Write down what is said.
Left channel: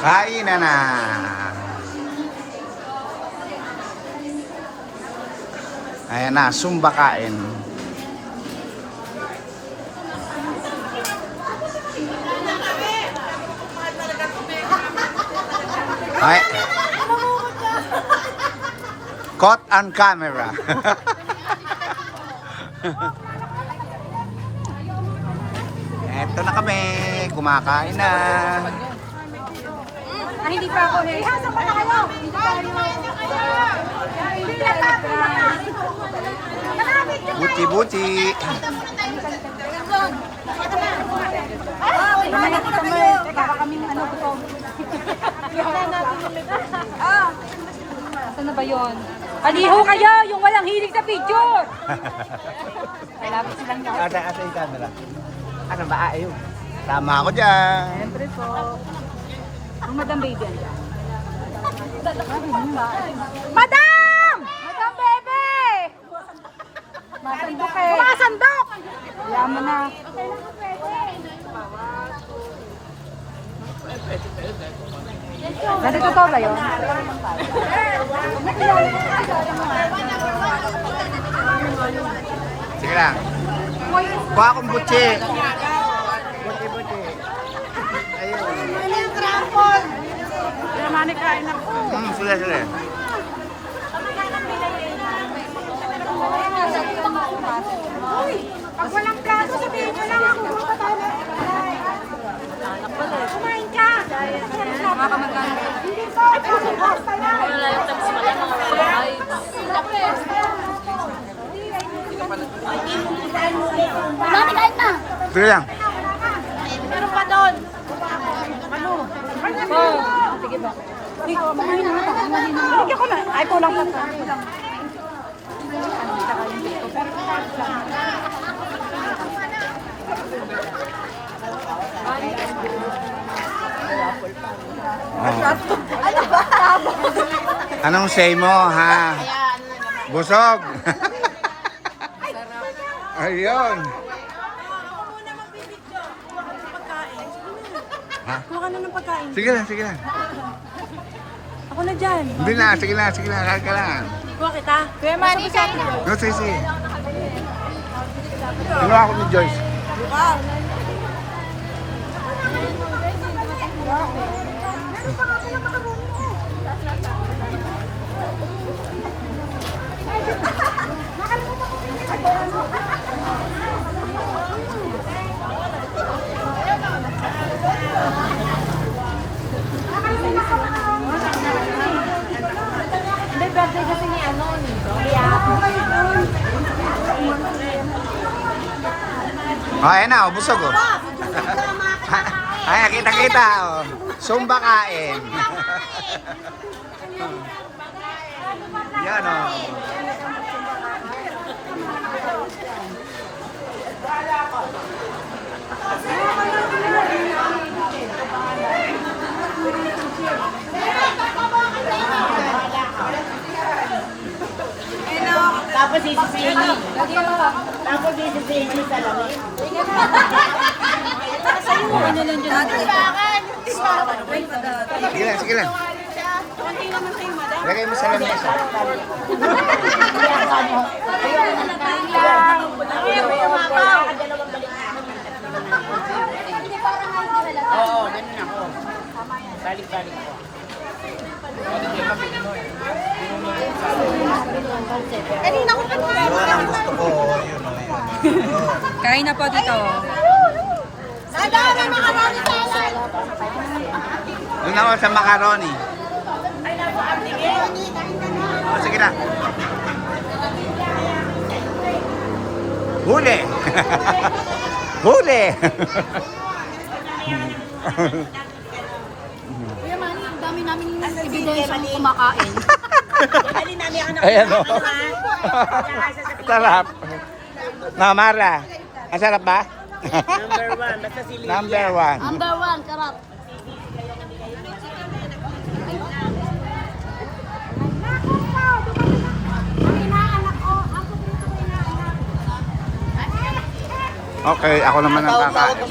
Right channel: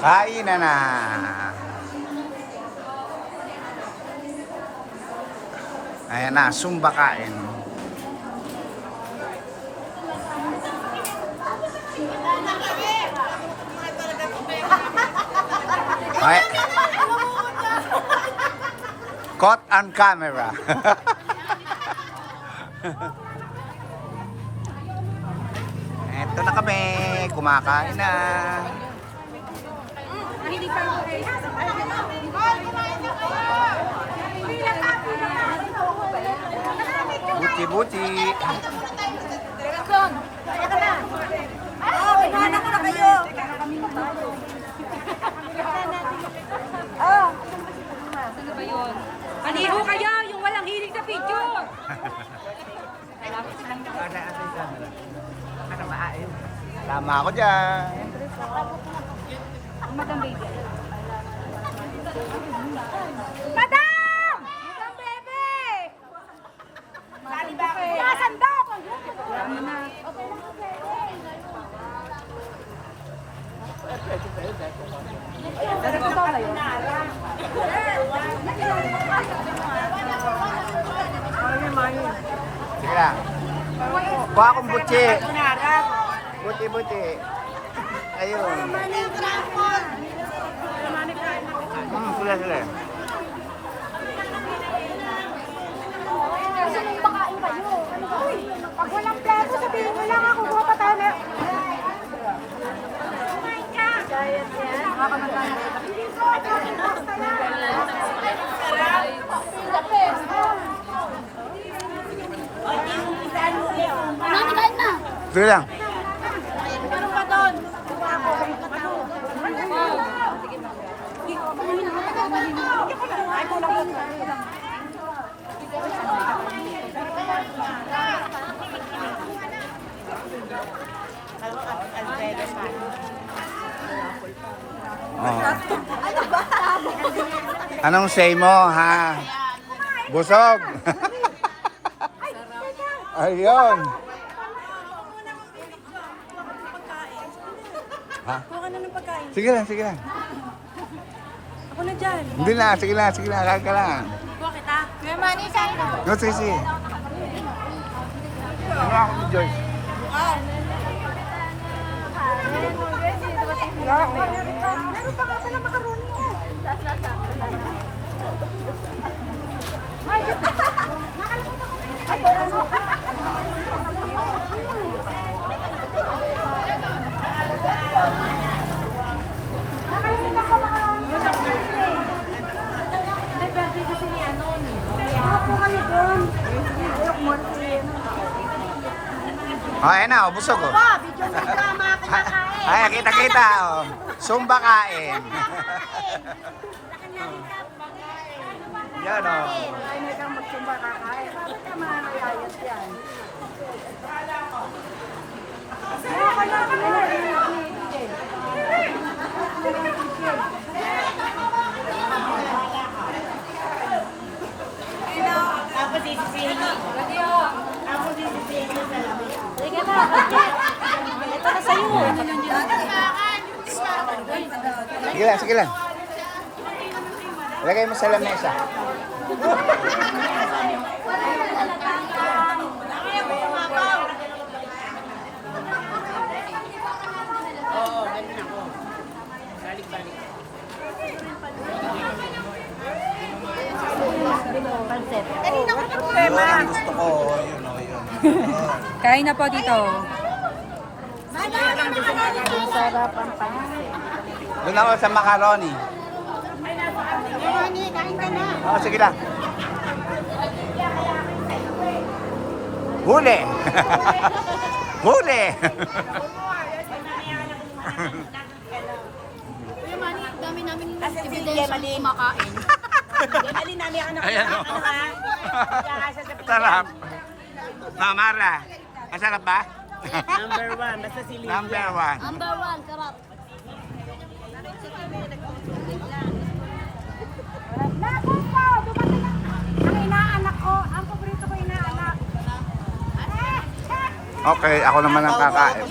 Kain na. Ayan na, Zumba kain. Okay. Caught on camera. Eto na kami, kumakain na. Hindi pa ako na. Saan pa kayo? Kumain na kayo. Buti-buti. Hinahanap ko na kayo. Baka kaming ano po. Saan na ba yun? Aliho kayo, yung walang hilig sa picture. Malapit silang lahat. Asa yung camera? Ano ba? Ayaw. Tama ako dyan. Siyempre po. Ang Madam Baby. Madam! Madam Baby! Mga sandok! Yaman na. Narito ba yun? Sige lang. Kuha akong butsi. Buti-buti. Ayun. Sila. Uy! Pag walang plato, sabihin nyo lang. Subukan pa tayo. Kumain ka! Mga kamagkanong pala. Hindi ba? Wala lang tapos pala mga bahay. Mami, kahit na! Sige lang. Meron pa doon. Ano? Sige ba? Hindi ko, mamahin na. Hindi ko na. Ay, kulang pa. Oh. Anong say mo, ha? Busog. Ayun. Ha? Kuha ka na ng pagkain. Sige lang. Ako na dyan. Hindi na, sige lang. Kaya ka lang. Kuha kita. Kuya Manny, kain. No, sige. Ano ako ni Joyce? Oh, ayan na, busog oh. Ay, kita oh. Zumba kain. Yan oh. Tapos isisihin. Tapos isisihin sa lamig. Okay na lang dyan natin. Sige lang. Lagay mo sa lamesa. Yun ang gusto ko. Yun. Kain na po dito. Doon ako sa macaroni. Oh, sige lang. Huli! Huli! Kuya Manny, dami namin ibigay sa kumakain. Ayan o. Sarap. Mamara. Ang sarap ba? Number 1, basta si Lilia. Number 1. Number 1, sarap. Ang inaanak ko, ang paborito ko inaanak. Okay, ako naman ang kakain.